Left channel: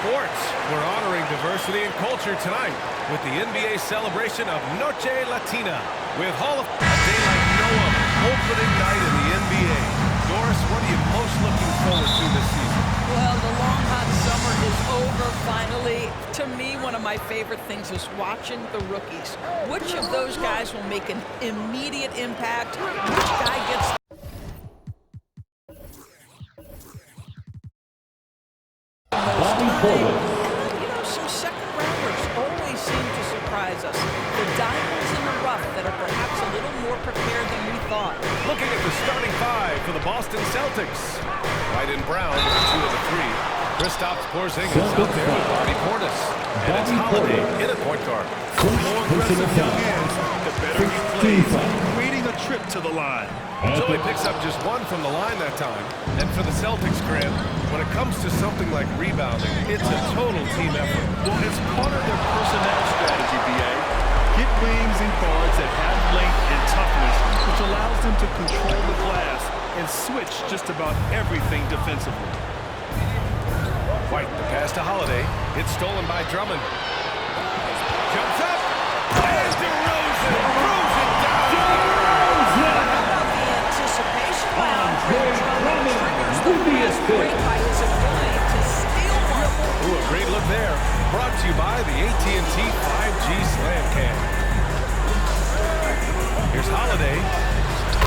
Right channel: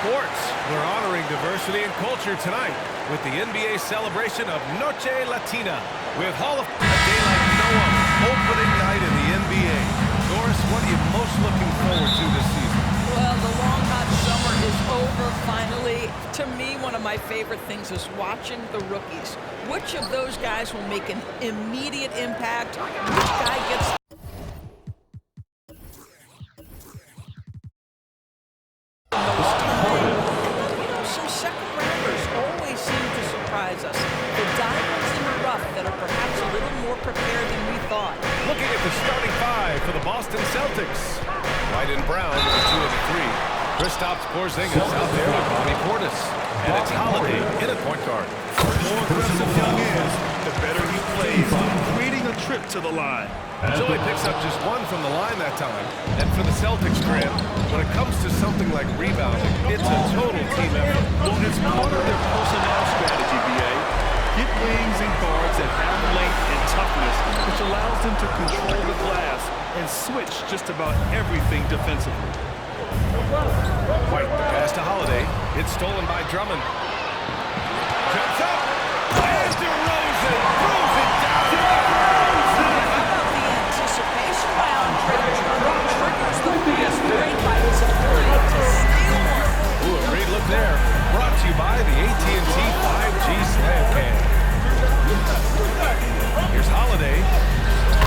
sports. We're honoring diversity and culture tonight with the NBA celebration of Noche Latina with Hall of a day like no other, opening night in the NBA. Doris, what are you most looking forward to this season? Well, the long, hot summer is over finally. To me, one of my favorite things is watching the rookies. Which of those guys will make an immediate impact? Which guy gets the most time? And then, some second-rounders always seem to surprise us. The diamonds in the rough that are perhaps a little more prepared than we thought. Looking at the starting five for the Boston Celtics. White and Brown with the 2 of the 3. Kristaps Porzingis out there with Bobby Portis. And it's Holiday in at point guard. The more aggressive Young is, the better he plays, creating a trip to the line. So he picks up just 1 from the line that time. And for the Celtics, Grant, when it comes to something like rebounding, it's a total team effort. Well, it's part of their personnel strategy, B.A. Get wings and guards that have length and toughness, which allows them to control the glass and switch just about everything defensively. White, the pass to Holiday. It's stolen by Drummond. Jumps up. And DeRozan throws it down. But how about the anticipation by Andre Drummond triggers the fast break by his ability to steal one. Ooh, a great look there. Brought to you by the AT&T 5G Slam Cam. Here's Holiday.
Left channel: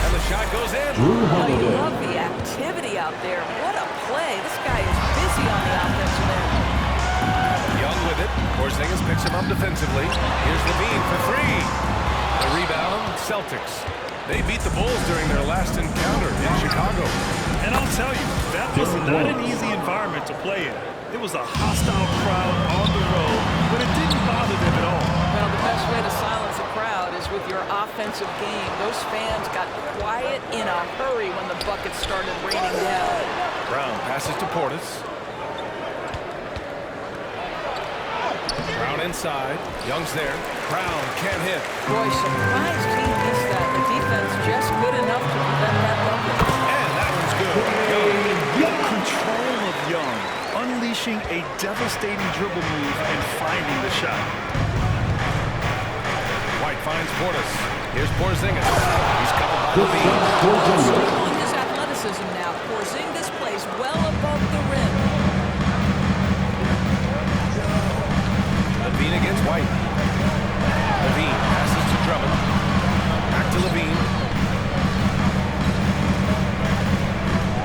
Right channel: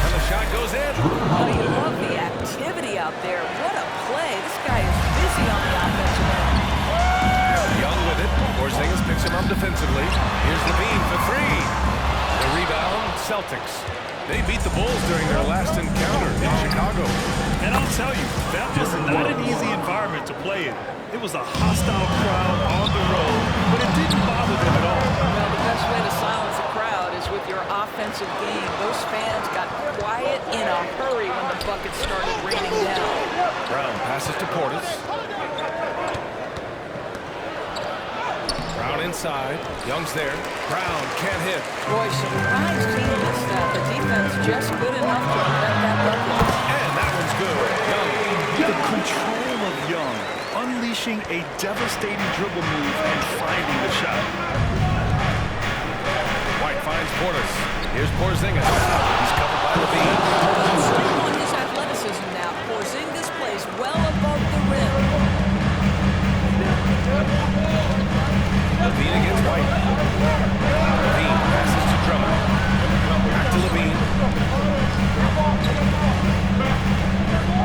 And the shot goes in. Oh, you love the activity out there. What a play. This guy is busy on the offensive end. Young with it. Porzingis picks him up defensively. Here's Lavine for 3. The rebound, Celtics. They beat the Bulls during their last encounter in Chicago. And I'll tell you, that was not an easy environment to play in. It was a hostile crowd on the road, but it didn't bother them at all. Well, the best way to silence a crowd is with your offensive game. Those fans got quiet in a hurry when the buckets started raining down. Brown passes to Portis. Brown inside. Young's there. Brown can't hit. Boy, surprised he missed that. The defense just good enough to prevent that bucket. And that one's good. Young. The control of Young, unleashing a devastating dribble move and finding the shot. White finds Portis. Here's Porzingis. He's covered by Lavine. Don't sleep on his athleticism now. Porzingis plays well above the rim. Lavine against White. Lavine passes to Drummond. Back to Lavine.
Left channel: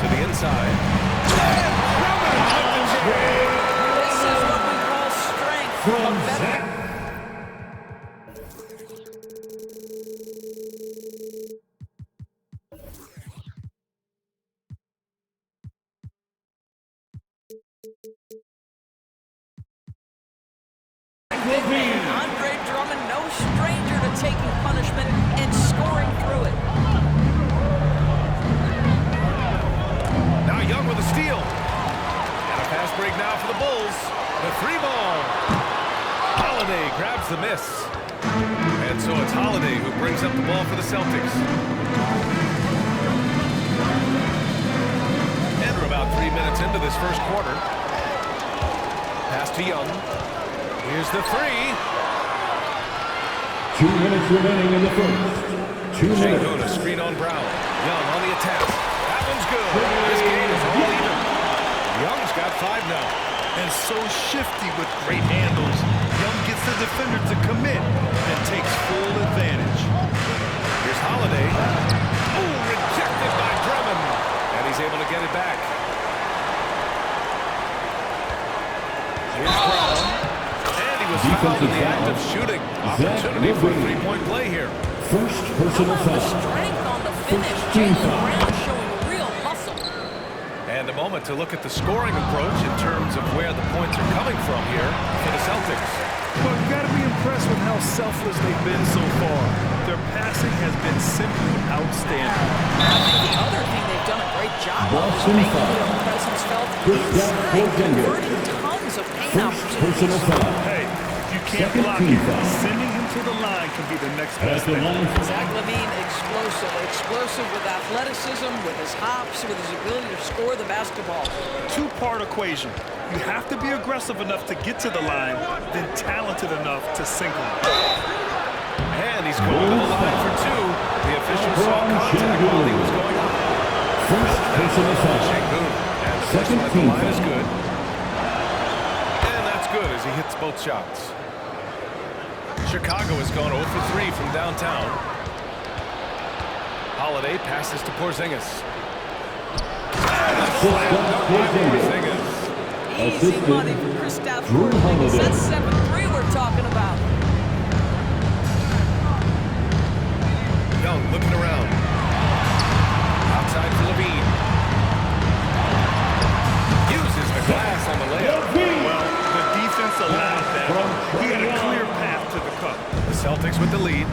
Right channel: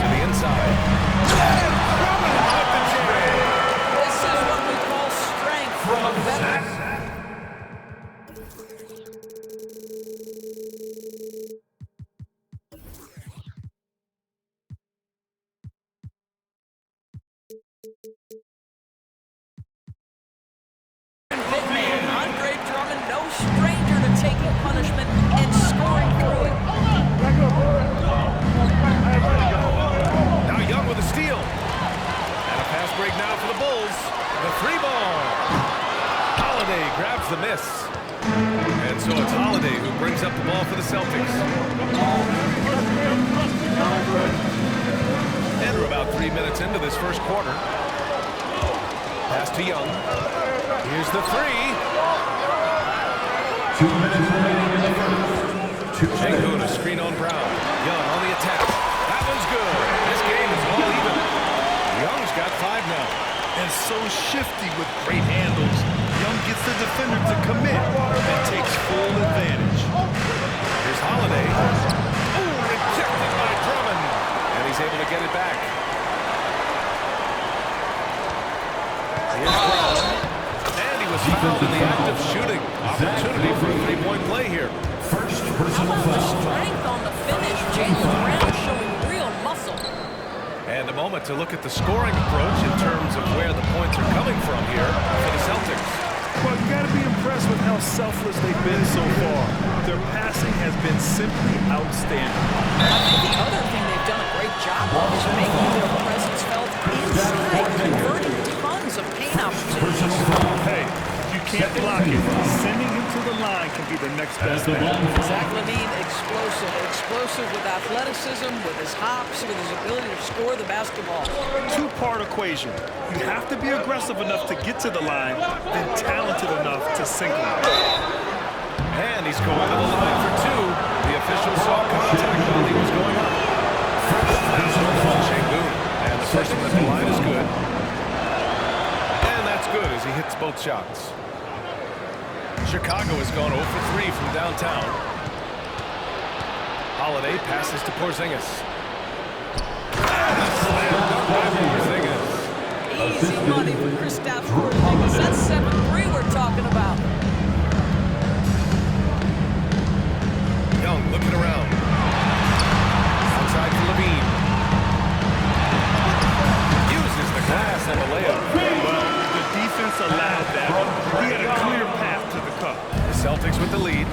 To the inside. And Drummond with the jam. This is what we call strength from a veteran. Big man, Andre Drummond, no stranger to taking punishment and scoring through it. Now Young with a steal. And a fast break now for the Bulls. The 3-ball. Holiday grabs the miss. And so it's Holiday who brings up the ball for the Celtics. And we're about 3 minutes into this first quarter. Pass to Young. Here's the 3. 2 minutes remaining in the first. 2 minutes. Şengün, a screen on Brown. Young on the attack. That one's good. This game is all even. Young's got 5 now. And so shifty with great handles. Young gets the defender to commit and takes full advantage. Here's Holiday. Oh, rejected by Drummond. And he's able to get it back. Here's Brown. And he was fouled in the act of shooting. Opportunity for a 3-point play here. First How personal about the foul. strength on the finish? Jaylen Brown showing real muscle. And a moment to look at the scoring approach in terms of where the points are coming from here for the Celtics. Well, you got to be impressed with how selfless they've been so far. Their passing has been simply outstanding. I think the other thing they've done a great job of is making their presence felt inside, converting tons of paint opportunities. Hey, If you can't block it, sending him to the line can be the next best thing. Zach Lavine, explosive. Explosive with athleticism, with his hops, with his ability to score the basketball. Two-part equation. You have to be aggressive enough to get to the line, then talented enough to sink them. And he's going to the line for two. The official saw contact while he was going up. Now Şengün. And the first one at the line is good. And that's good as he hits both shots. Chicago has gone 0 for 3 from downtown. Holiday passes to Porzingis. And a slam dunk by Porzingis. Easy money for Kristaps Porzingis. That's 7-3 we're talking about. Young looking around. Outside for Lavine. Uses the glass on the layup. Well, the defense allowed that. He had a clear path to the cup. The Celtics with the lead.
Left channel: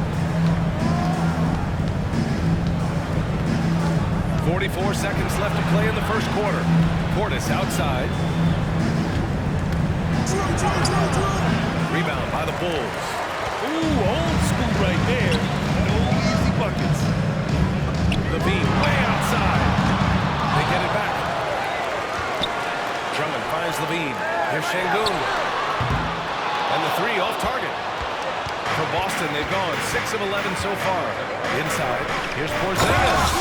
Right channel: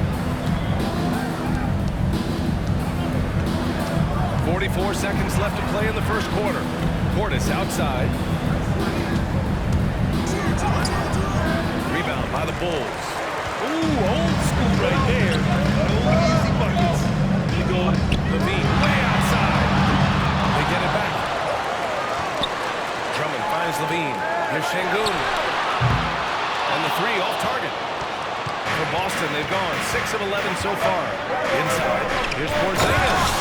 44 seconds left to play in the first quarter. Portis outside. Rebound by the Bulls. Ooh, old school right there. No easy buckets. Lavine way outside. They get it back. Drummond finds Lavine. Here's Şengün. And the three off target. For Boston, they've gone 6 of 11 so far. Inside, here's Porzingis.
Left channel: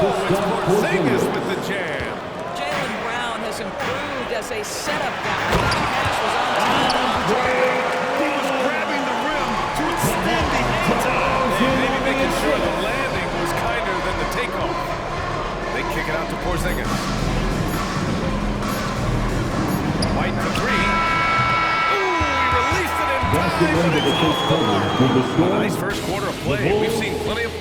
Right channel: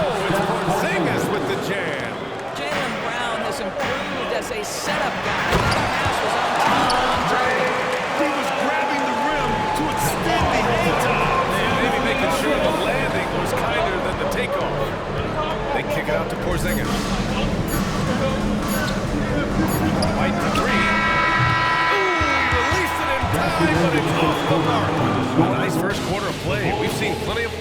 Oh, it's Porzingis with the jam. Jaylen Brown has improved as a setup guy. That pass was on time and on target. He was grabbing the rim to extend the hang time. Maybe making sure the landing was kinder than the takeoff. They kick it out to Porzingis. White for three. Ooh, he released it in time, but it's off the mark. A nice first quarter of play. We've seen plenty of...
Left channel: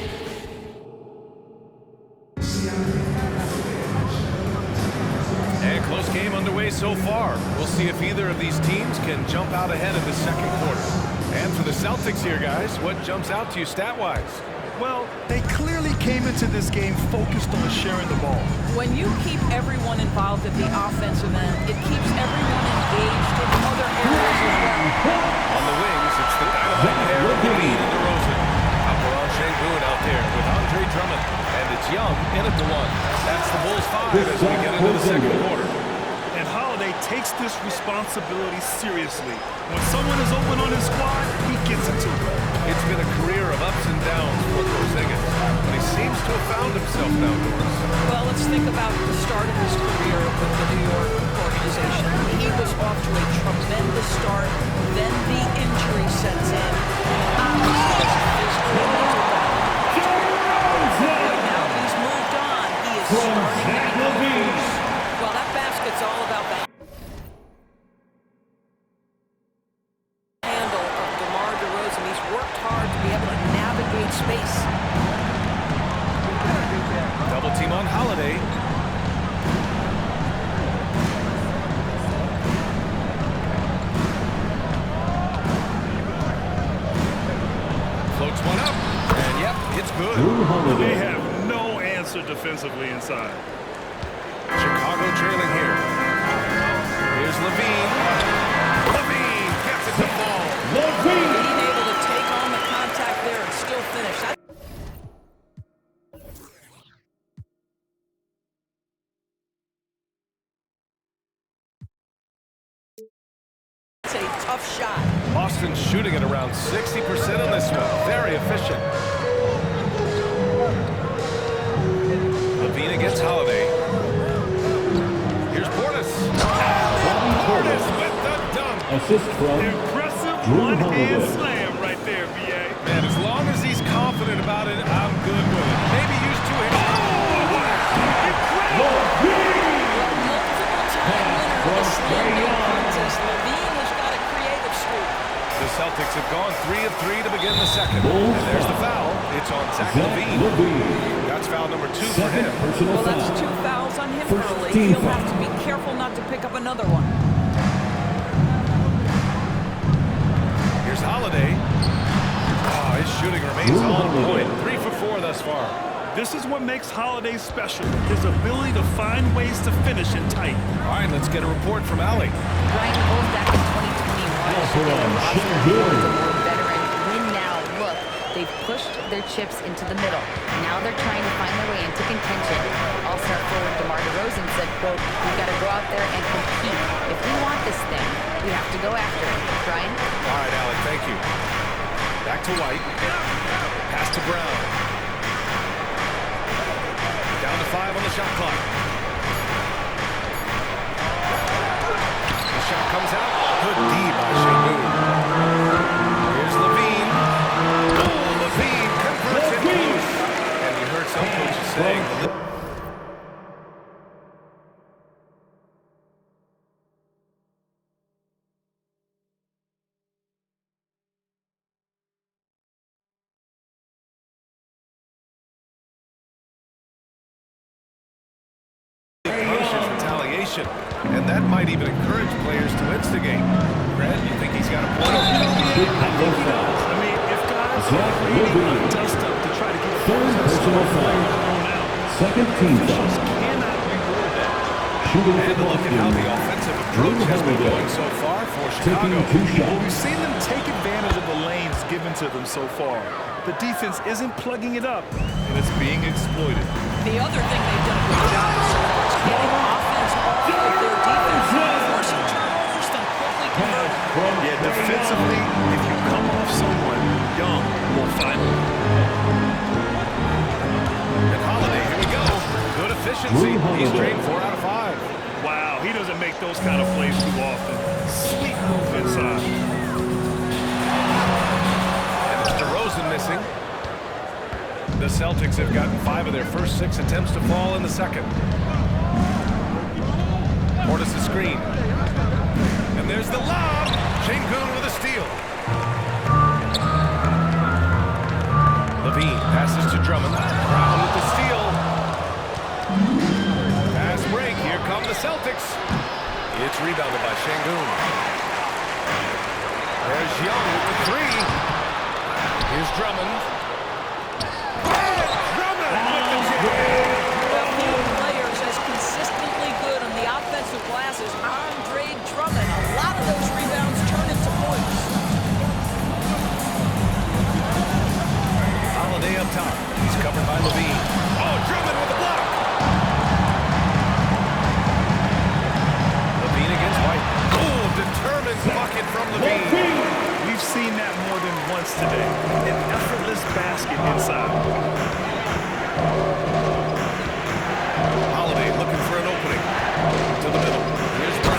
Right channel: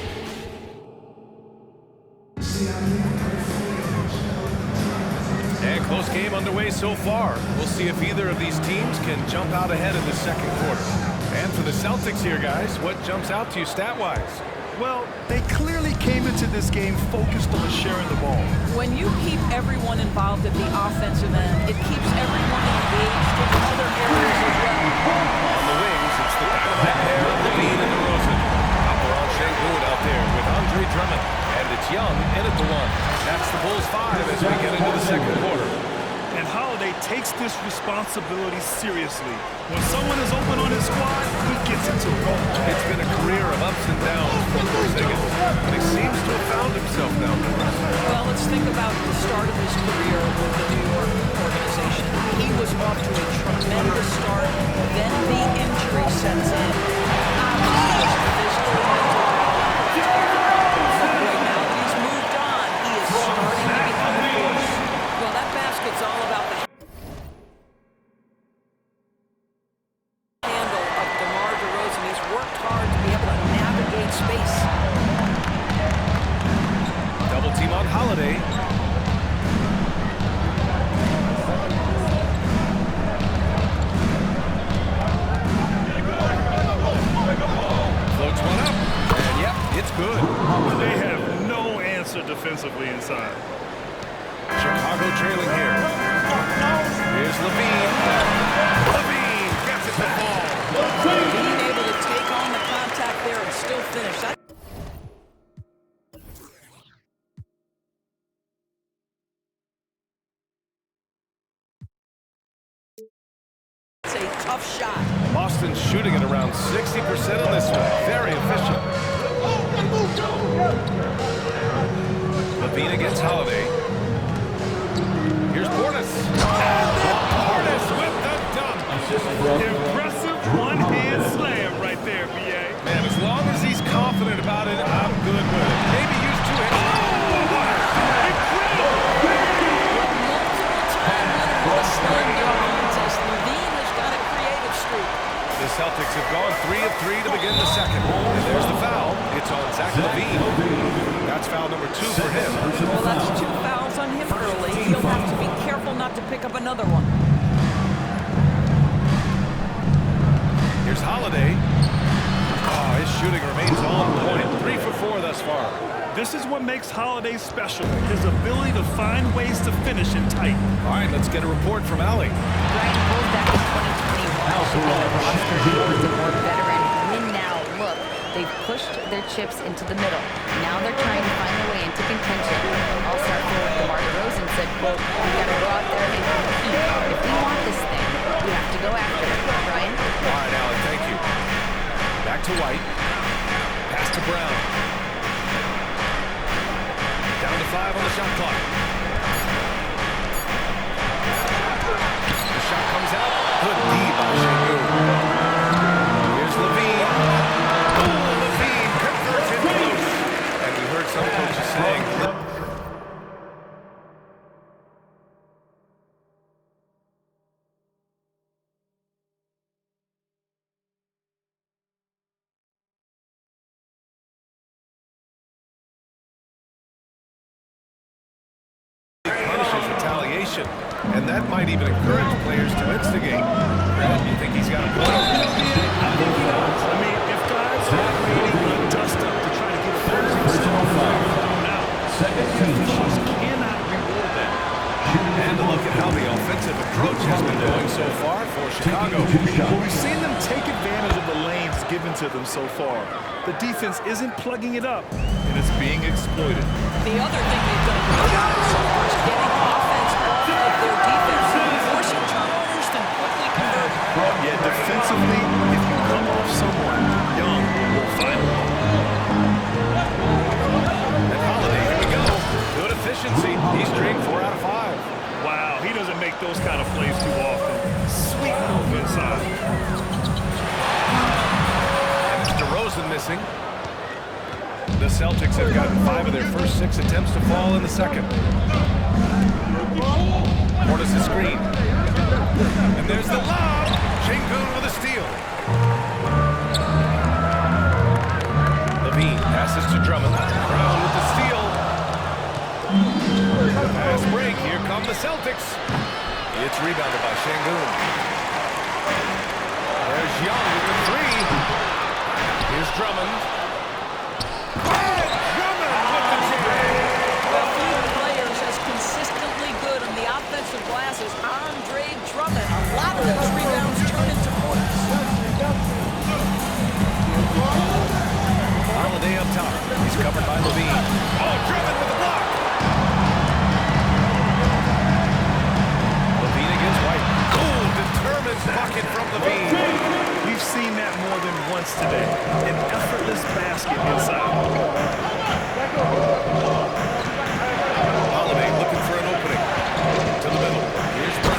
And close game underway so far. We'll see if either of these teams can jump out ahead in the second quarter. And for the Celtics here, guys, what jumps out to you stat-wise? Well, they clearly came into this game focused on sharing the ball. When you keep everyone involved at the offensive end, it keeps everyone engaged in other areas as well. On the wings, it's the dynamite pair of Lavine and DeRozan. Alperen Şengün out there with Andre Drummond. And it's Young in at the one. That's the Bulls 5 as we get into the second quarter. And Holiday takes this responsibility seriously. When someone is open on his squad, he gets it to them. It's been a career of ups and downs for Porzingis, but he seems to have found himself now, Doris. Well, let's think about the start of his career with the New York organization. He was off to a tremendous start, then the injury sets in, and obviously there's a physical and mental battle you've got to overcome. But boy, now that he's moved on, he is starting to become a force. Well, that basket's all about the handle of DeMar DeRozan. He's worked hard to be able to navigate space. Double team on Holiday. Floats one up, and yep, it's good. They have no answer defensively inside. Chicago trailing here. Here's Lavine. Lavine gets it to fall. Being able to take on the contact there and still finish. That's a tough shot. Boston's shooting at around 60% on this one. Very efficient. Lavine against Holiday. Here's Portis. And then Portis with the dunk. Assist from Impressive one-hand slam right there, B.A. Man, as long as he's confident about it, I'm good with it. Maybe use two hands. Oh, incredible! Well, multiple-time winner of the slam dunk contest, Lavine has got a creative streak. The Celtics have gone 3 of 3 to begin the second. And there's the foul. It's on Zach Lavine. That's foul number 2 for him. Well, that's 2 fouls on him early. He'll have to be careful not to pick up another one. Here's Holiday. Oh, his shooting remains on point. 3 for 4 thus far. This is what makes Holiday special, his ability to find ways to finish in tight. All right, let's get a report from Allie. Brian, the Bulls back in 2021 shifting the roster towards a more veteran win-now look. They've pushed their chips into the middle. Now they're trying to find their way into contention. All-star forward DeMar DeRozan said, quote, "We've got to go out there and compete. If we want this thing, we have to go after it." Brian? All right, Allie, thank you. Back to White. Pass to Brown. Down to 5 on the shot clock. The shot comes out. Good D by Şengün. Here's Lavine. Oh, Lavine converts it close. And we heard some coaches saying punishes retaliation, and that might even encourage players to instigate. Brad, you think he's got a point? I think he does. I mean, if guys are creating a dust-up to try to get opposing star players thrown out, officials cannot reward that. And look at how the offensive approach has been going so far for Chicago. Well, we've seen them take advantage of the lanes given to them so far. The defense isn't plugging it up, and it's being exploited. The other thing they've done a good job so far is getting offense off of their defense, forcing turnovers, then quickly converting. Yeah, defensively, if you come off someone, Young will find them. And Holiday, here we go. Good efficiency. He's drained 4 out of 5. Wow, he doesn't make those kind of plays too often. Sweet move inside. And it's DeRozan missing. The Celtics have gotten 5 of their first 6 attempts to fall in the second. Portis' screen. And there's the lob. Şengün with a steal. Lavine passes to Drummond. Brown with the steal. Pass break. Here come the Celtics. It's rebounded by Şengün. There's Young with the 3. Here's Drummond. And Drummond with the jam. Well, few players as consistently good on the offensive glass as Andre Drummond. A lot of those rebounds turn into points. Holiday up top. He's covered by Lavine. Oh, Drummond with a block. Lavine against White. Oh, determined bucket from Lavine. We've seen that more than once today. An effortless basket inside. Holiday looking for an opening. To the middle. Here's Brown.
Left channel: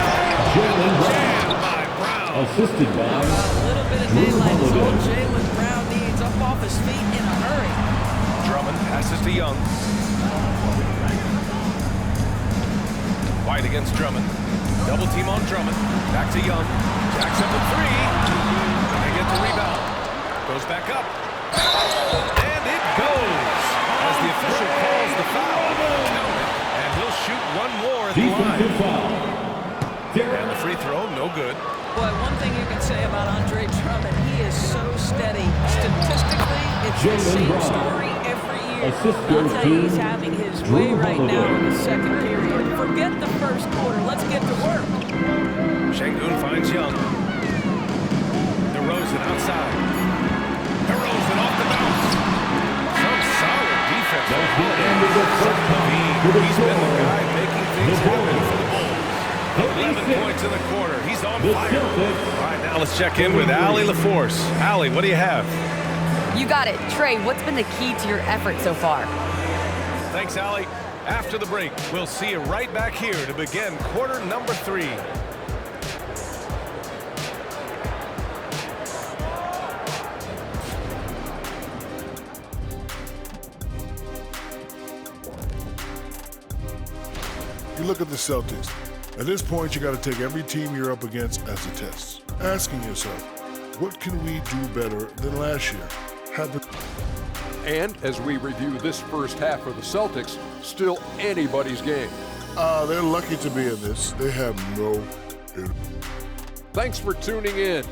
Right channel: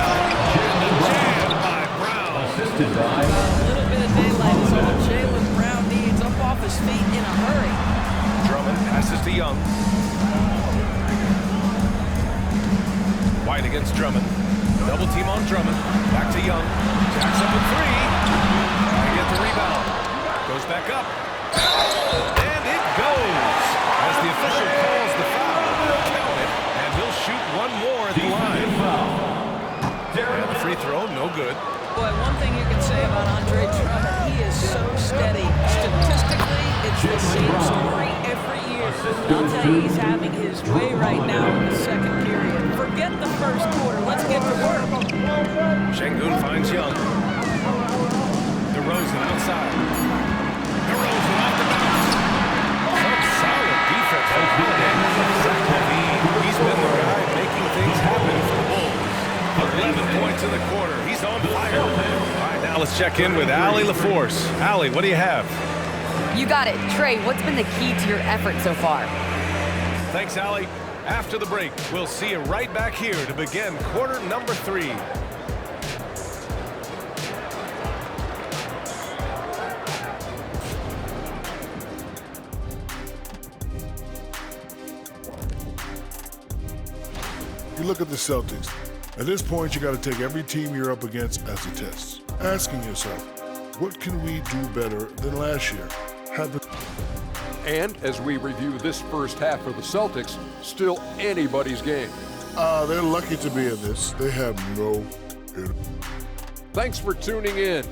And the jam by Brown. Assisted by A little bit of daylight is all Jaylen Brown needs, up off his feet in a hurry. Drummond passes to Young. White against Drummond. Double team on Drummond. Back to Young. Jacks up a 3. They get the rebound. Goes back up. And it goes. As the official calls the foul. Count it. And he'll shoot one more at the line. And the free throw, no good. Boy, one thing you can say about Andre Drummond, he is so steady. Statistically, it's the same story every year. I'll tell you, he's having his way right now in the second period. Forget the first quarter. Let's get to work. Şengün finds Young. DeRozan outside. DeRozan off the bounce. Some solid defense from Holiday. Zach Lavine, he's been the guy making things happen for the Bulls. 11 points in the quarter. He's on fire. All right, now let's check in with Allie LaForce. Allie, what do you have? You got it. Trae, what's been the key to your effort so far? Thanks, Allie. After the break, we'll see you right back here to begin quarter number 3. You look at the Celtics. At this point, you got to take every team you're up against as a test. Asking yourself, what can we do better than last year? And as we review this first half of the Celtics, still anybody's game. They're lucky to be in this. They have no... Thanks for tuning in.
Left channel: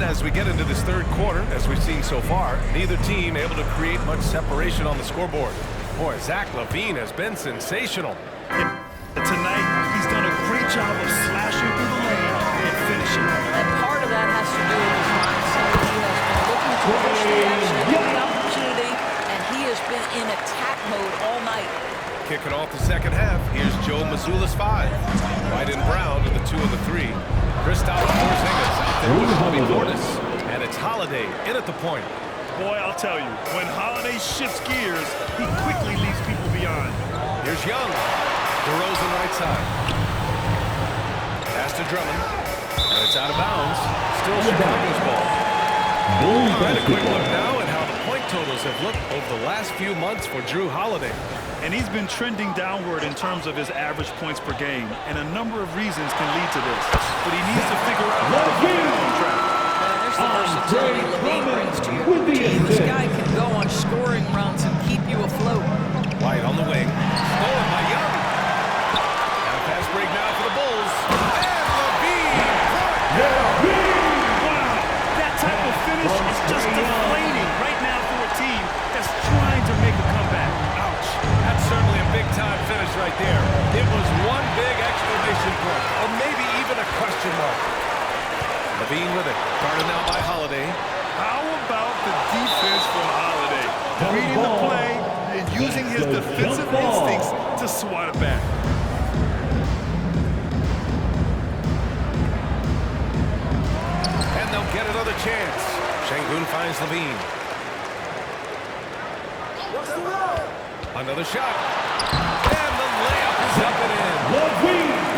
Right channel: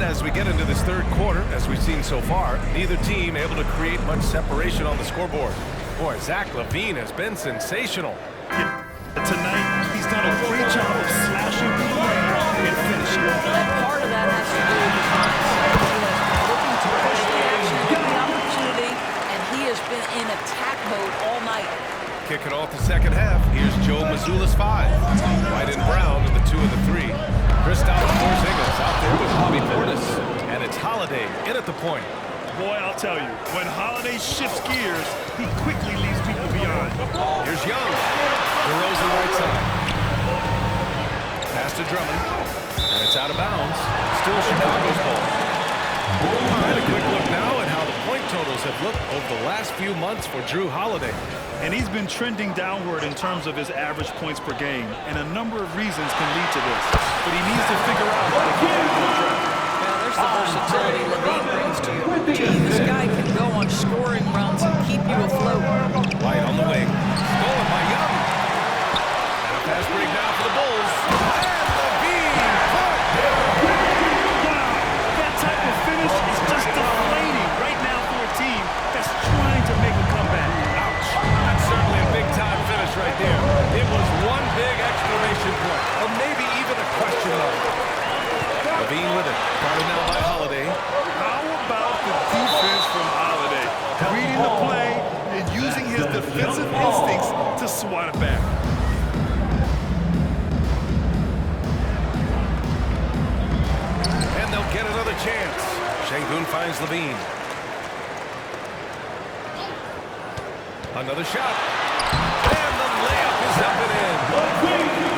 And as we get into this third quarter, as we've seen so far, neither team able to create much separation on the scoreboard. Boy, Zach Lavine has been sensational. Tonight, he's done a great job of slashing through the lane and finishing. And part of that has to do with his mindset. He has been looking to push the action at every opportunity, and he has been in attack mode all night. Kicking off the second half, here's Joe Mazzulla's 5. White and Brown are the 2 and the 3. Kristaps Porzingis out there with Bobby Portis. And it's Holiday in at the point. Boy, I'll tell you, when Holiday shifts gears, he quickly leaves people beyond. Here's Young. DeRozan right side. Pass to Drummond. And it's out of bounds. Still Chicago's ball. All right, a quick look now at how the point totals have looked over the last few months for Drew Holiday. And he's been trending downward in terms of his average points per game, and a number of reasons can lead to this. But he needs to figure out how to get back on track. Yeah, there's the versatility Lavine brings to your team. This guy can go on scoring runs and keep you afloat. White on the wing. Stolen by Young. And a fast break now for the Bulls. And Lavine brought down. Wow, that type of finish is just deflating right now for a team that's trying to make a comeback. Ouch. That's certainly a big-time finish right there. It was one big exclamation point, or maybe even a question mark. Lavine with it. Guarded now by Holiday. How about the defense from Holiday? Reading the play and using his defensive instincts to swat it back. And they'll get another chance. Şengün finds Lavine. Another shot. And the layup is up and in.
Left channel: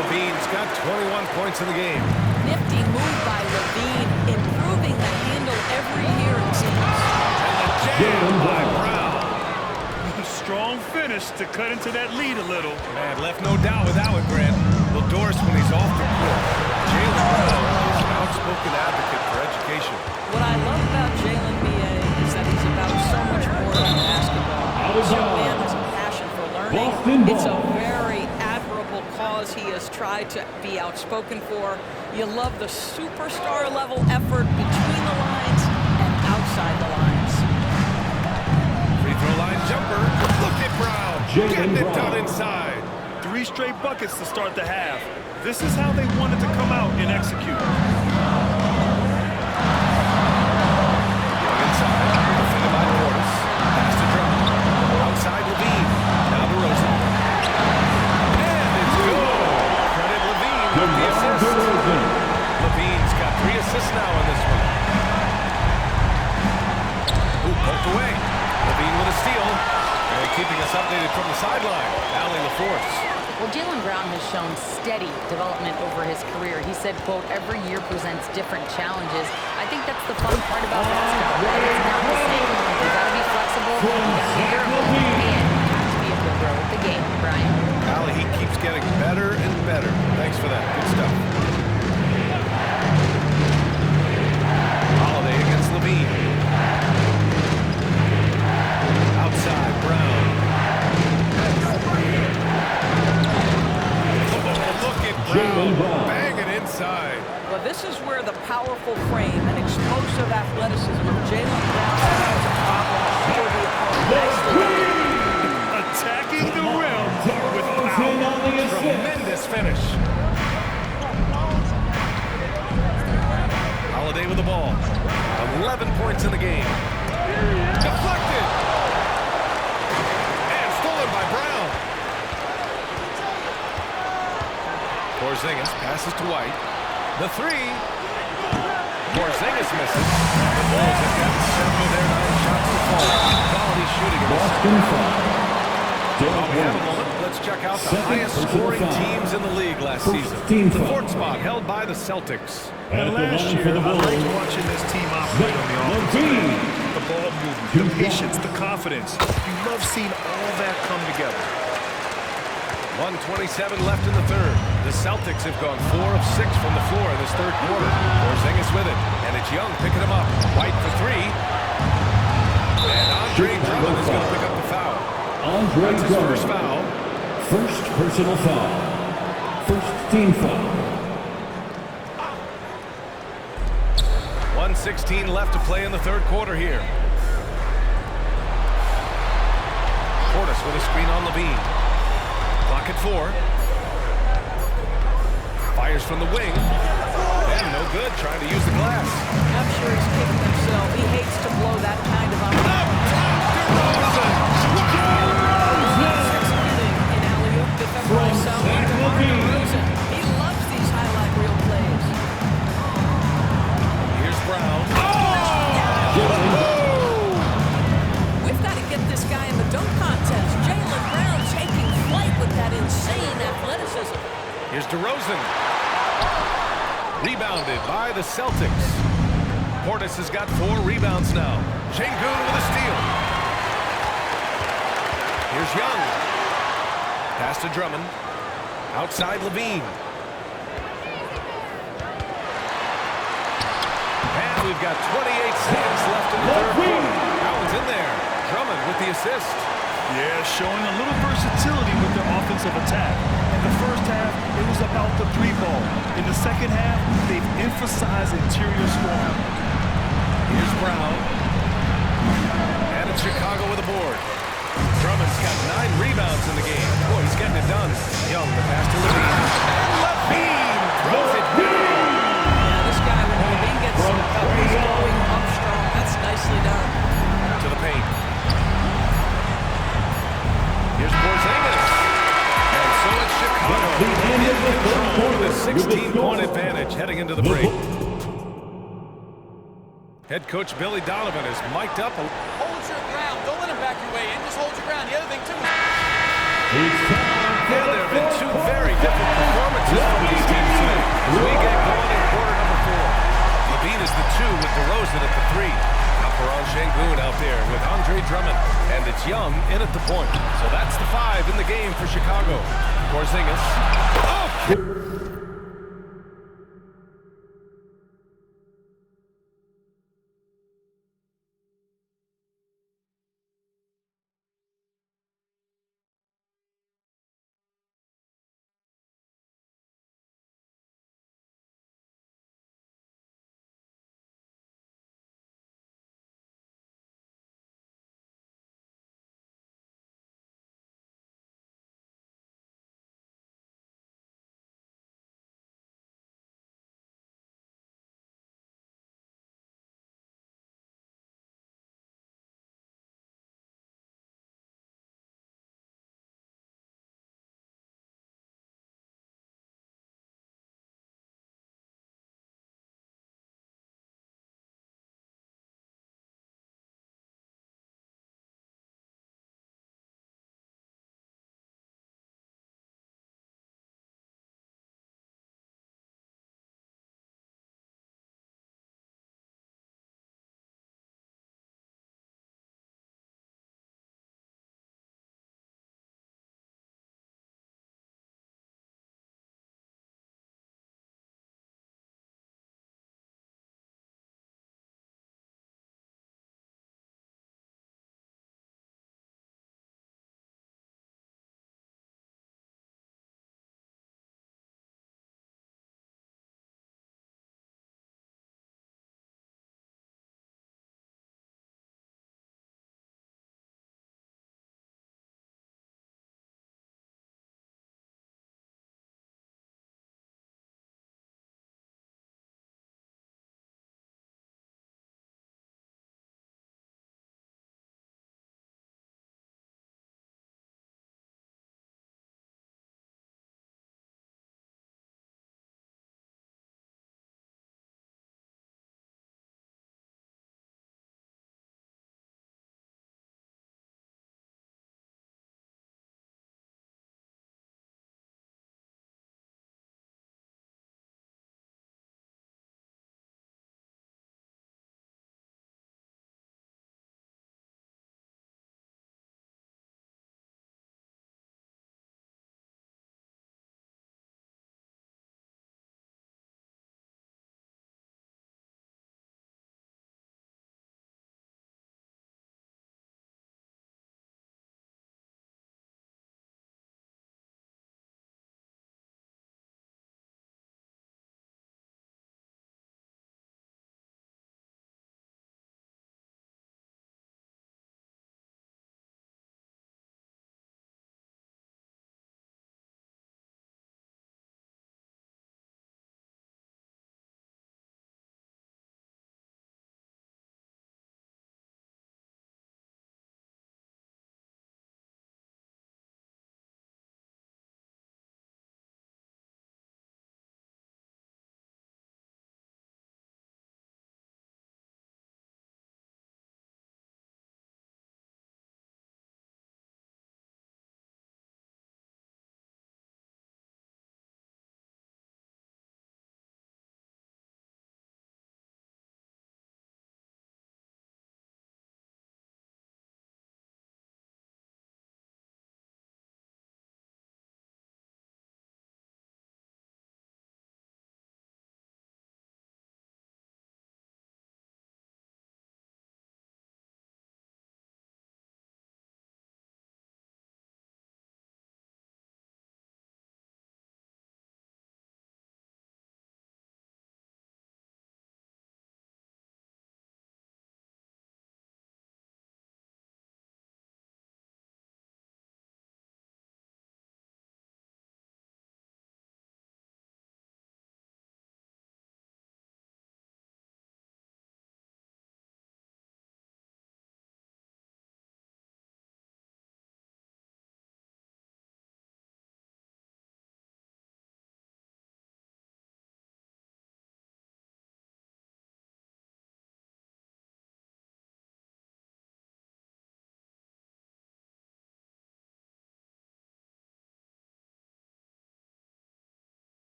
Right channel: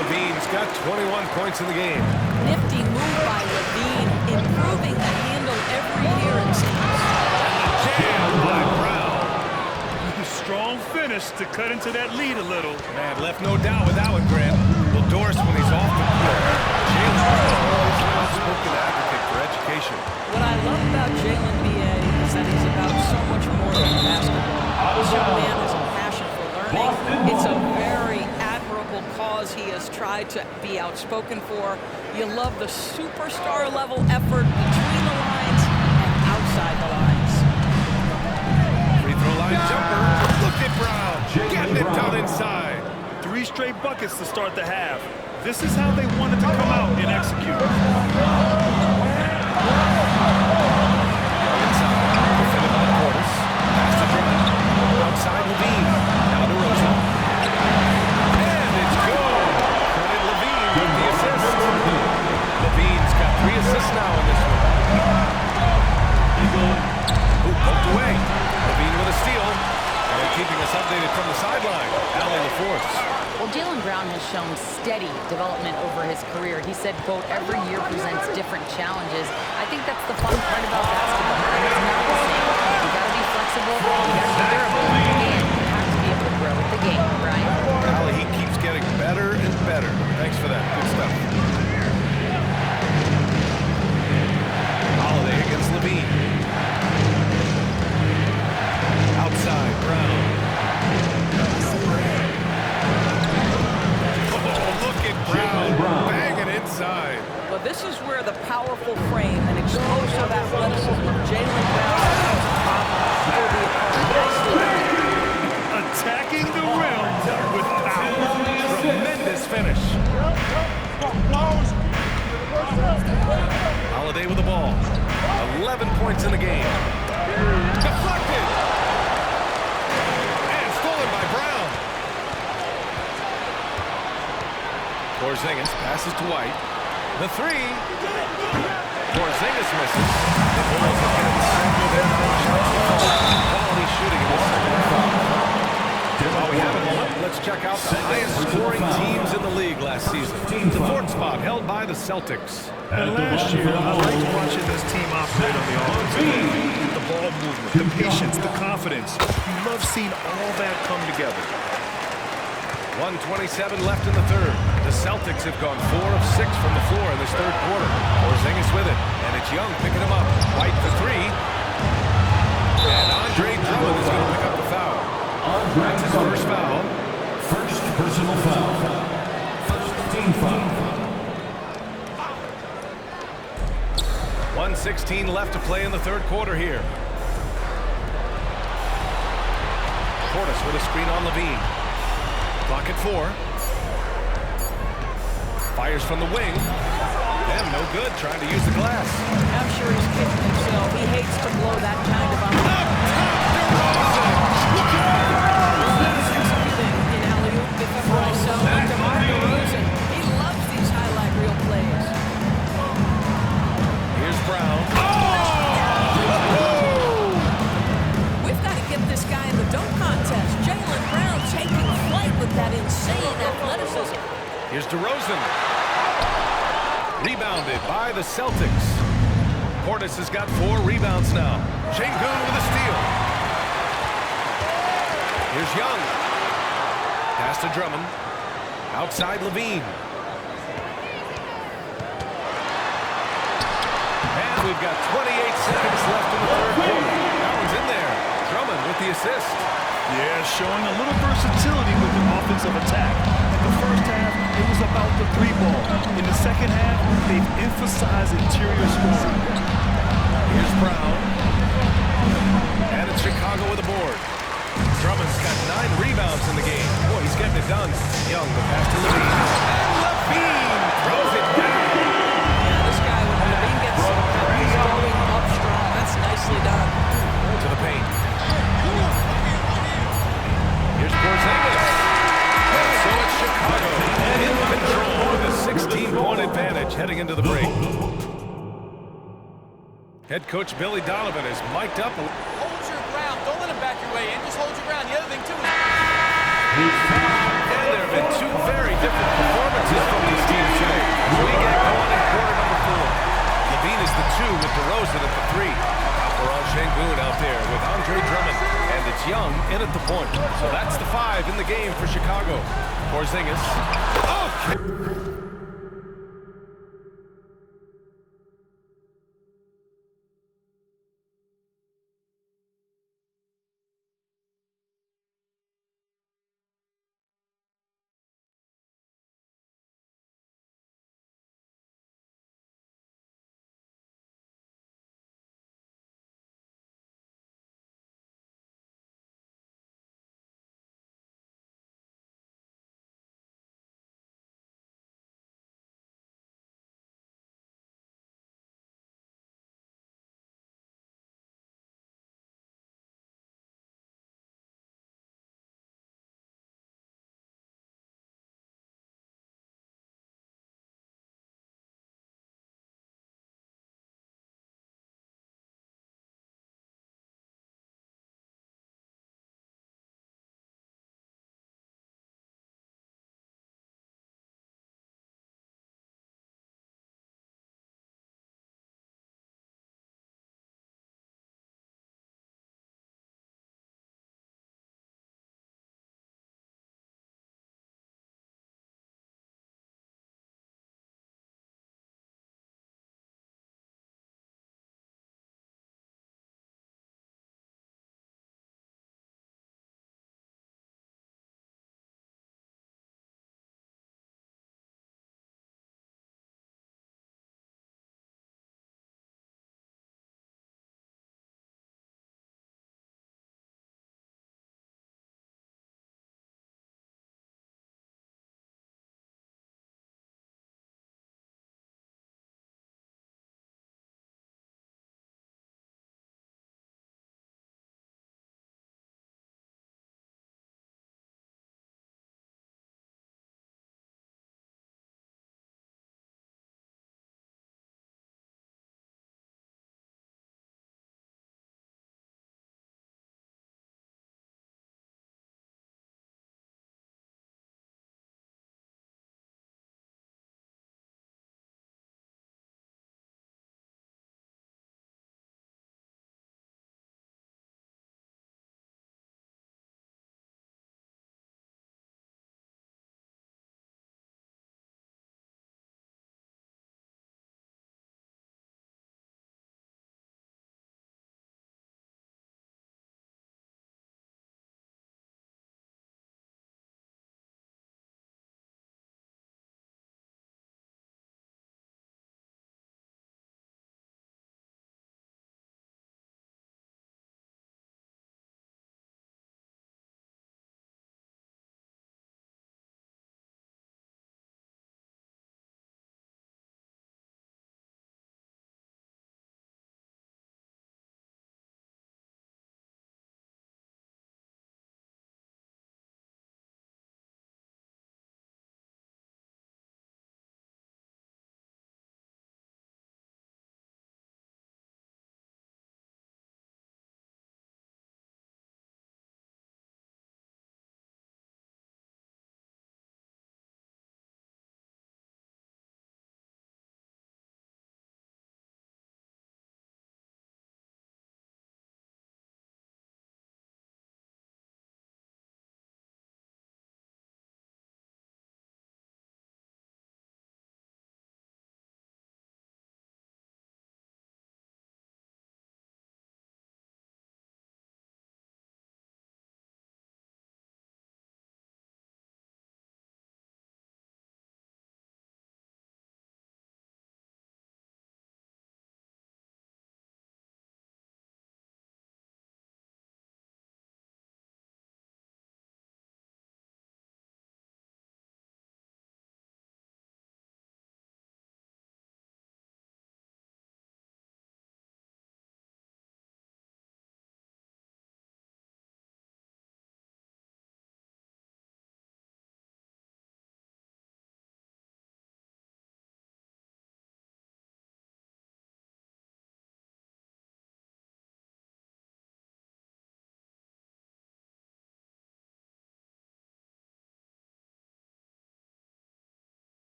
Lavine's got 21 points in the game. Nifty move by Lavine, improving the handle every year, it seems. And the jam by Brown. Strong finish to cut into that lead a little. Man, left no doubt with that one, Grant. Doris when he's off the court. Jaylen Brown is an outspoken advocate for education. What I love about Jaylen B.A. is that he's about so much more than basketball. This young man has a passion for learning. It's a very admirable cause he has tried to be outspoken for. You love the superstar level effort between the lines and outside the lines. Free throw line jumper. Look at Brown. Getting it done inside. 3 straight buckets to start the half. This is how they wanted to come out and execute. Young inside. Defended by Portis. Pass to Drummond. Outside Lavine. Now DeRozan. And it's good. Credit Lavine with the assist. Lavine's got 3 assists now in this one. Ooh, poked away. Lavine with a steal. And keeping us updated from the sideline, Allie LaForce. Well, Jaylen Brown has shown steady development over his career. He said, quote, every year presents different challenges. I think that's the fun part about basketball, and it's not the same. You got to be flexible, you got to be durable, and you have to be able to grow with the game. Brian? Allie, he keeps getting better and better. Thanks for that. Good stuff. Holiday against Lavine. Outside, Brown. Oh, look at Brown banging inside. Well, this is where the powerful frame and explosive athleticism of Jaylen Brown becomes a problem for the opponent. Nicely done. Attacking the rim with power. Tremendous finish. Holiday with the ball. 11 points in the game. Deflected. And stolen by Brown. Porzingis passes to White. The 3. Porzingis misses. The Bulls have gotten 7 of their 9 shots to fall. Quality shooting in the second half. While we have a moment, let's check out the highest scoring teams in the league last season. The 4th spot held by the Celtics. And last year, I liked watching this team operate on the offensive end. The ball movement, the patience, the confidence. You love seeing all that come together. 1:27 left in the third. The Celtics have gone 4 of 6 from the floor in this third quarter. Porzingis with it, and it's Young picking him up. White for 3. And Andre Drummond is going to pick up the foul. That's his first foul. First personal foul. First team foul. 1:16 left to play in the third quarter here. Portis with a screen on Lavine. Clock at 4. Fires from the wing. And no good, trying to use the glass. I'm sure he's kicking himself. He hates to blow that kind of Up top, DeRozan! He's executing in alley-oop from zone. DeMar DeRozan. He loves these highlight reel plays. Here's Brown. We've got to get this guy in the dunk contest. Jaylen Brown taking flight with that insane athleticism. Here's DeRozan. Rebounded by the Celtics. Portis has got 4 rebounds now. Şengün with a steal. Here's Young. Pass to Drummond. Outside Lavine. And we've got 28 seconds left in the third quarter. Allen's in there. Drummond with the assist. Yeah, showing a little versatility with their offensive attack. In the first half, it was about the 3 ball. In the second half, they've emphasized interior scoring. Here's Brown. And it's Chicago with a board. Drummond's got 9 rebounds in the game. Boy, he's getting it done. Young, the pass to Lavine. And Lavine throws it down. Yeah, this guy, when Lavine gets to the cup, he's going up strong. That's nicely done. To the paint. Here's Porzingis. And so it's Chicago in control with a 16-point advantage heading into the break. Head coach Billy Donovan is mic'd up. Hold your ground. Don't let him back your way in. Just hold your ground. The other thing, too, is... And there have been 2 very different performances from these teams today as we get going in quarter number 4. Lavine is the 2 with DeRozan at the 3. Alperen Şengün out there with Andre Drummond. And it's Young in at the point. So that's the 5 in the game for Chicago. Porzingis. Oh!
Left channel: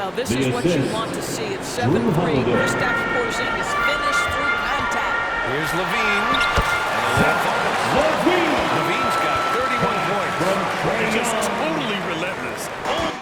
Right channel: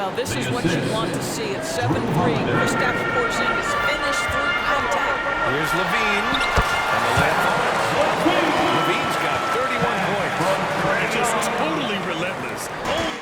Well, this is what you want to see. It's 7-3. Kristaps Porzingis finished through contact. Here's Lavine, and the layup falls. Lavine's got 31 points. And just totally relentless. Oh.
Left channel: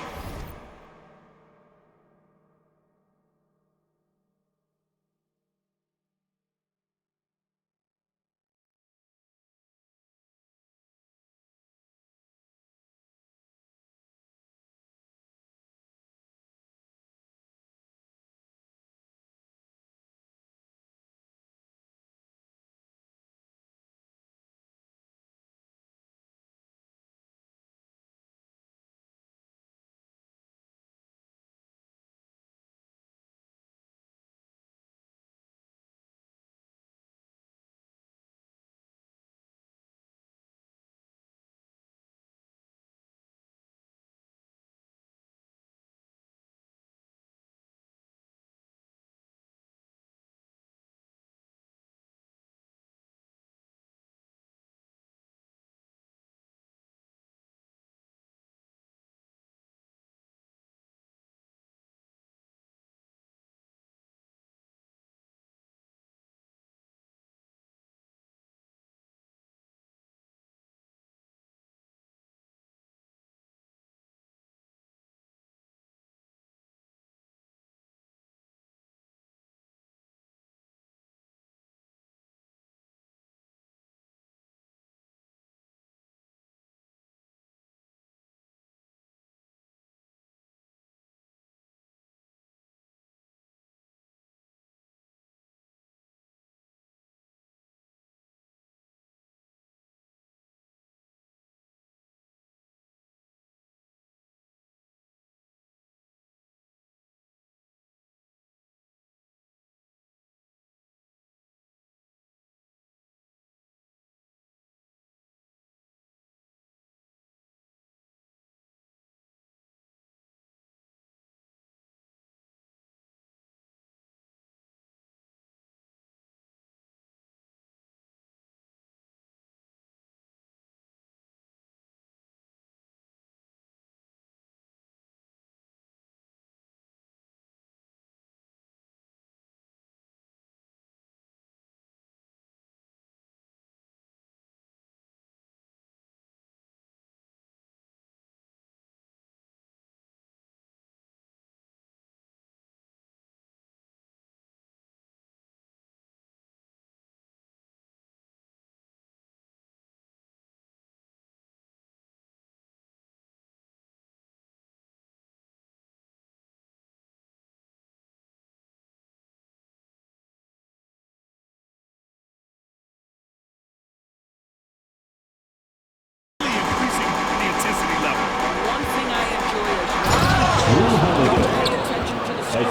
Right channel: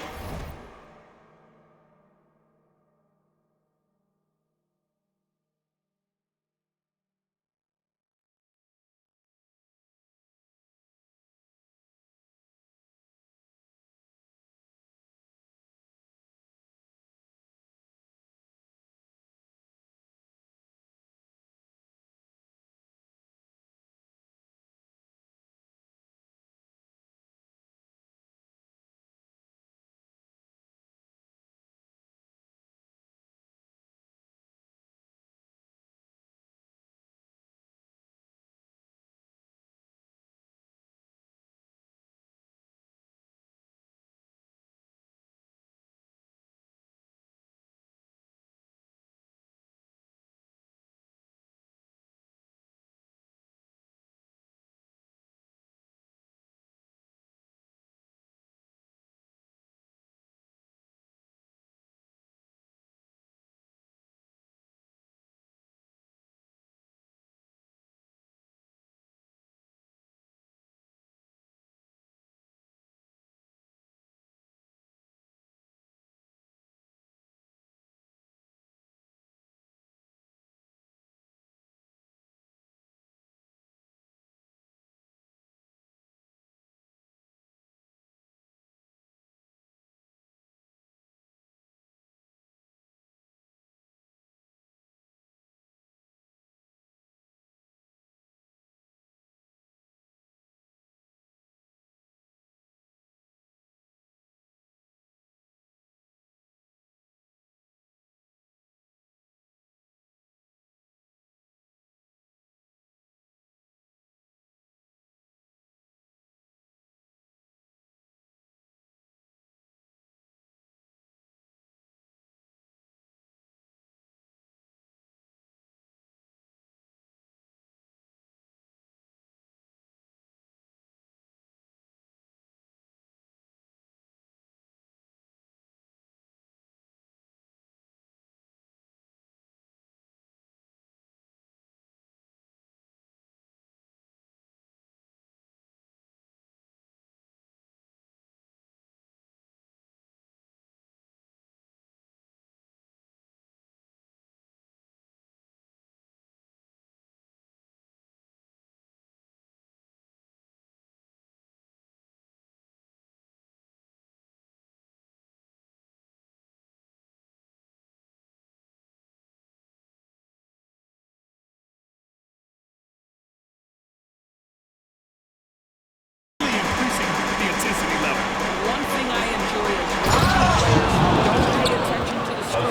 Intensity level. One thing I enjoy is watching players don't pay attention to the score.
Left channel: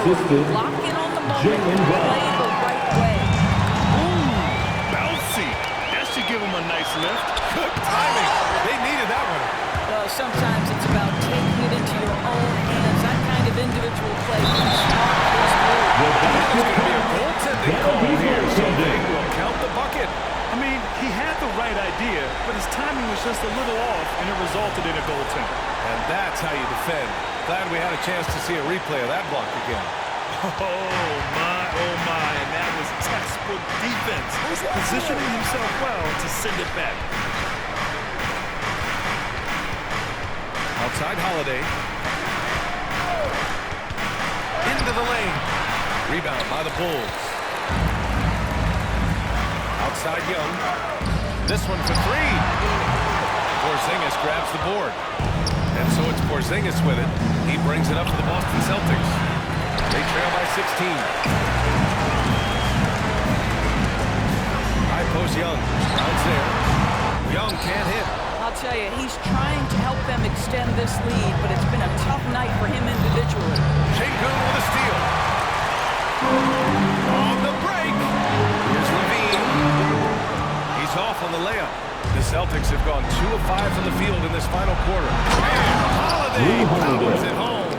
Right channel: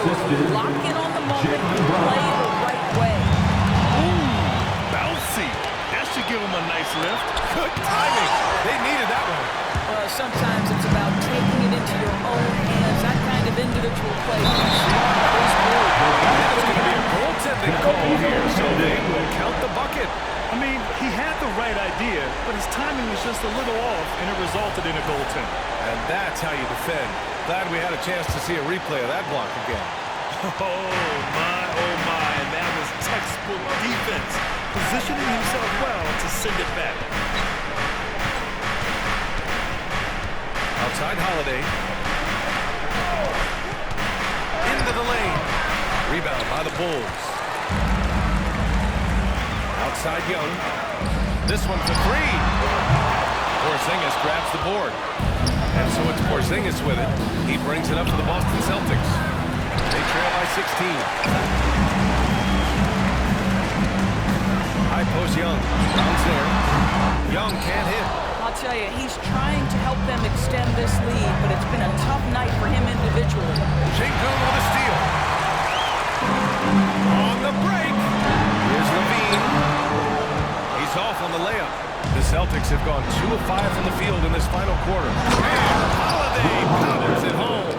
Lock in on the moment and play the right way. Ooh, bouncy. That should give him a nice lift. Good timing. They needed that one. Well, sometimes it's about taking it into your own hands. That kind of individual play from Smart is good. And it's going to be a goaltending call here, so they will count the bucket. I mean, he had the right idea, but his timing was just a little off, and it resulted in a goaltend. And that's how you defend. Glad we had a chance to see a replay of that block again. Oh, my, and that was textbook defense, positioning himself well to send it back. Outside Holiday. Into the lane. Rebound by the Bulls. Outside Young. This one for three. Porzingis grabs the board. And so it's Porzingis with it. He brings it up for the Boston Celtics. They trail by 16. High post Young. Brown's there. Young can't hit. I'll tell you, he's trying to help them extend this lead, but it's been a tough night for him individually. Şengün with a steal. On the break. Here's Lavine. He's off on the layup. The Celtics have gone 2 of 5 from the field in this final quarter. And Holiday powers it home.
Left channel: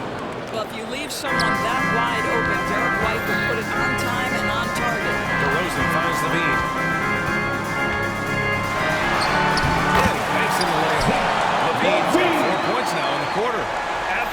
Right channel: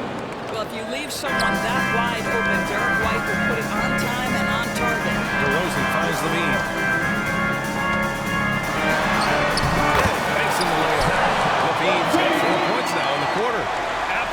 Well, if you leave someone that wide open, Derek White will put it on time and on target. DeRozan finds Lavine. And he banks in the layup. Lavine's got 4 points now in the quarter.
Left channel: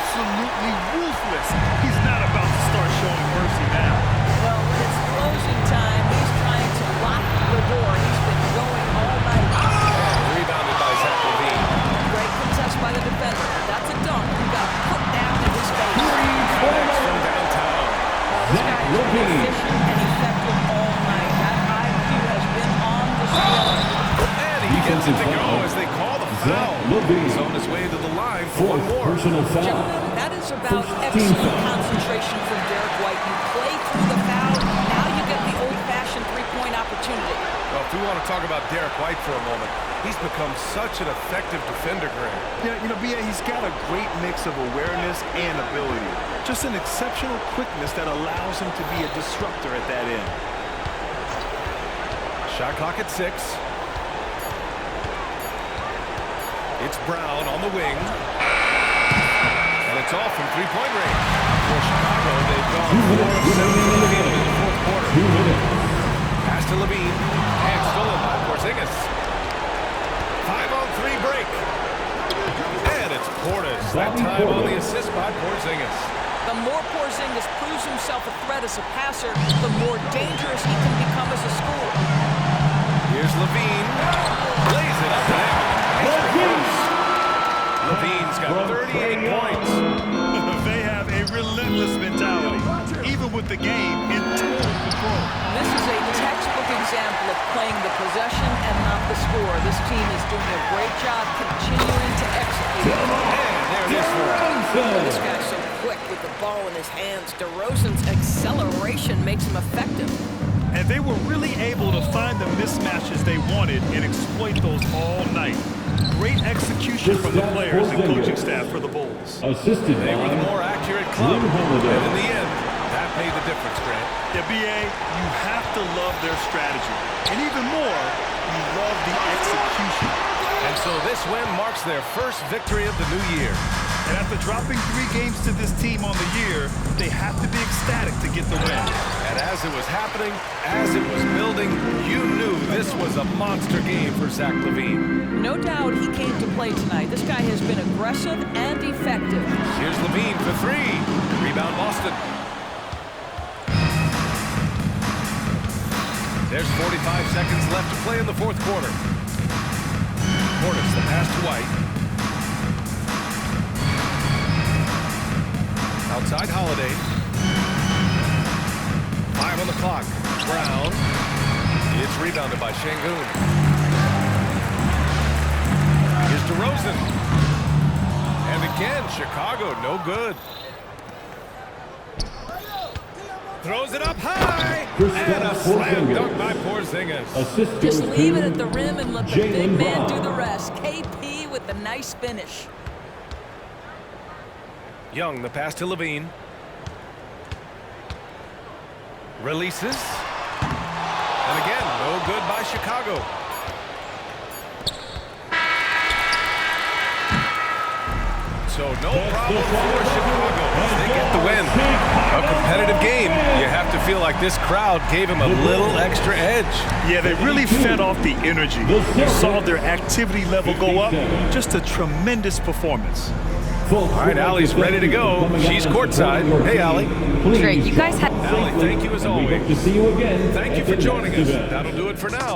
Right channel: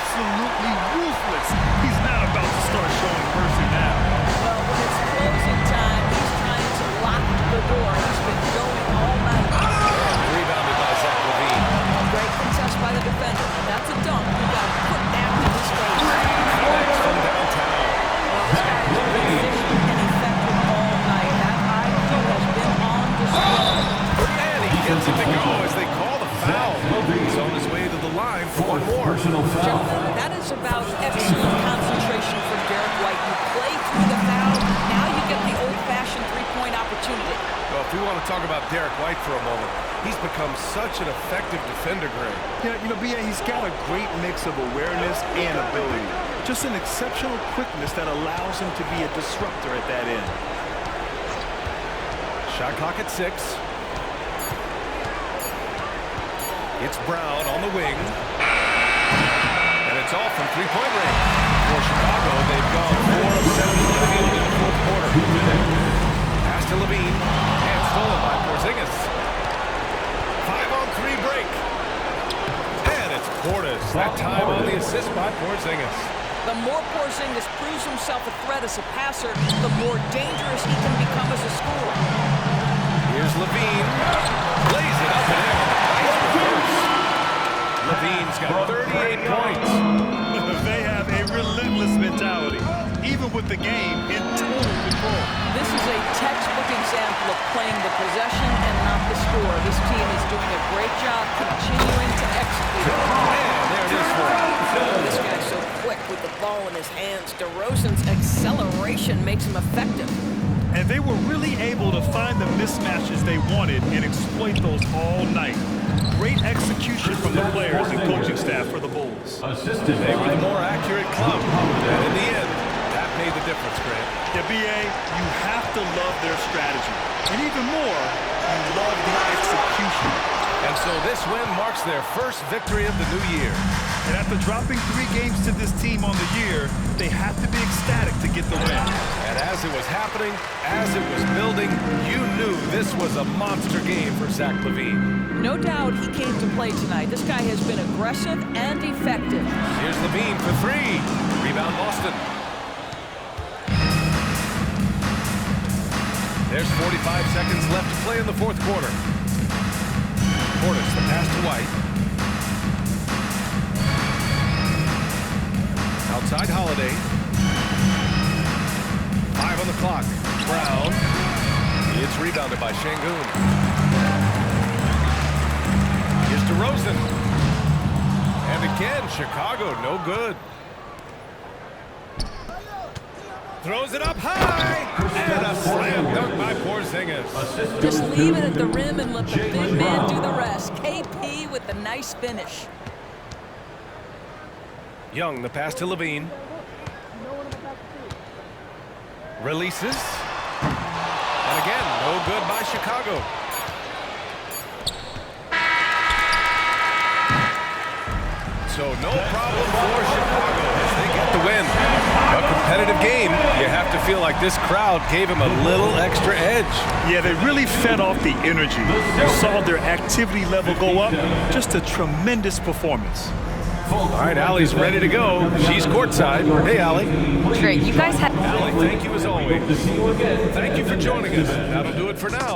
absolutely ruthless. He's not about to start showing mercy now. Well, when it's closing time, he's trying to lock the door. He's been going all night. And rebounded by Zach Lavine. Great contest by the defender. And that's a dunk you got to put down in his face. Connects from downtown. Well, this guy has been efficient and effective all night. That IQ has been on display. And he gets it to go as they call the foul. He's on his way to the line for one more. Personal foul. Gentlemen, that is about excellent concentration from Derek White. You play through the foul, now you get the old-fashioned three-point opportunity. Well, if we want to talk about Derek White for a moment, he's become such an effective defender, Graham. Yeah, you know, B.A., he's got a great mix of awareness and ability. Just an exceptional quickness that allows him to be a disruptor at that end. Shot clock at 6. It's Brown on the wing. And it's all from three-point range. For Chicago, they've gone 4 of 7 from the field in the fourth quarter. Pass to Lavine. And stolen by Porzingis. 5-on-3 break. And it's Portis. That time on the assist by Porzingis. The more Porzingis proves himself a threat as a passer, the more dangerous he can become as a scorer. Here's Lavine. Lays it up and in on a nice reverse. Lavine's got 38 points. They have a relentless mentality, even with the game in total control. This is a textbook example of playing the possession and not the score. This team is doing a great job continuing to execute. And there it is for him. This guy's so quick with the ball in his hands. DeRozan's acceleration makes him effective. And they were really able to find the mismatches they wanted and exploit those all night. Great execution from the players and coaching staff for the Bulls. Assisted They were the more accurate club. Holiday. And in the end, that made the difference, Grant. Yeah, B.A., you have to love their strategy. And even more, you love the execution. And so this win marks their first victory of the new year. And after dropping 3 games to this team on the year, they have to be ecstatic to get the win. And as it was happening, as it was building, you knew this was a monster game for Zach Lavine. No doubt he came to play tonight. This guy has been aggressive and effective. Here's Lavine for 3. Rebound Boston. There's 45 seconds left to play in the fourth quarter. Portis, the pass to White. Outside Holiday. 5 on the clock. Brown. It's rebounded by Şengün. Here's DeRozan. And again, Chicago, no good. Throws it up high. And a slam dunk by Porzingis. Just leave it at the rim and let the big man do the rest. KP with the nice finish. Young, the pass to Lavine. Releases. And again, no good by Chicago. So no problem for Chicago as they get the win. A competitive game. You have to feel like this crowd gave him a little extra edge. Yeah, they really fed off the energy. You saw their activity level go up. Just a tremendous performance. All right, Allie's ready to go. She's courtside. Hey, Allie. Trae, you guys had... Allie, thank you as always. To see you again. Thank you for joining us. That'll do it for now.